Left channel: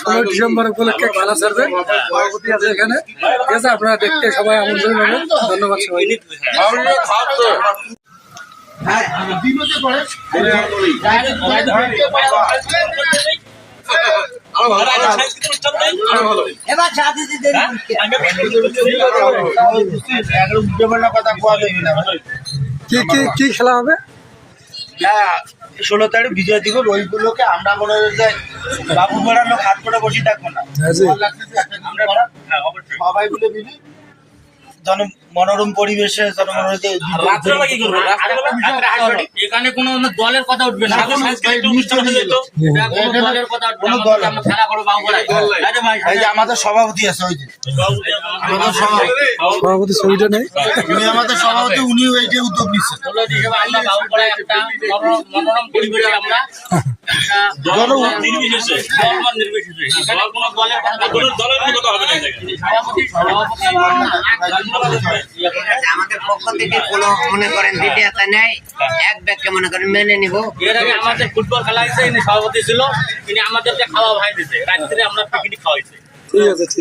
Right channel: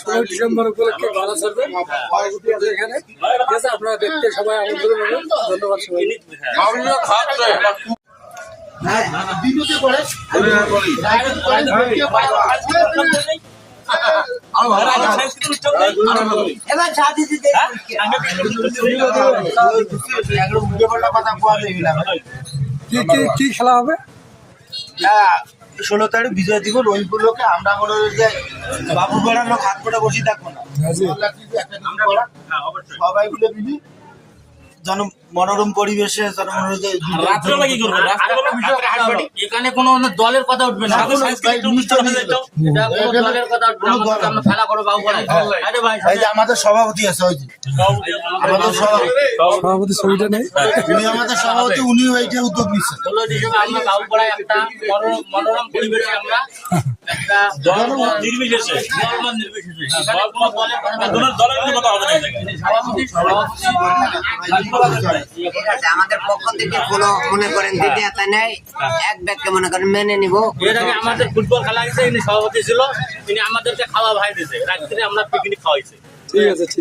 16 December উপলক্ষে খেলা চলবে, সভাপতি আছে এখানে। ঠিক আছে, আপনারা দেখতে সবাই আমন্ত্রণ হবে। ধন্যবাদ সবাই। কি খেলা হবে? 16 তারিখ বিজয় দিবস, ওইগুলোকে আমরা মনে হয় যে বাবু পাড়ার লোক হাত করে বসে থাকবো না, আমরা সবাই মিলে মিলি মনোরম পরিবেশে এখানে কোনো দলের কথা উঠবে না, আমাদের সভাপতি আছে, ওই যে আমাদের সভাপতি ছবিটা নেই, উনি আমাদের সভাপতি, উনি ওইটা উদ্যোগ নিচ্ছেন। মনোরম পরিবেশে আমরা নির্বিশেষে আমাদের পক্ষ থেকে কোনো মনে করেন দ্বিতীয়তা নেই, এক ব্যাগকে মনে করেন মেনে নিব। আমাদের ফুটবল খেলা হয়েছে, ইনি সভাপতি ছিল, ইনি আমাদেরকে খাওয়া ভাই দিছে, রাত্রে আমরা পিকনিক খাওয়াইছে। ঠিক আছে, ঠিক আছে।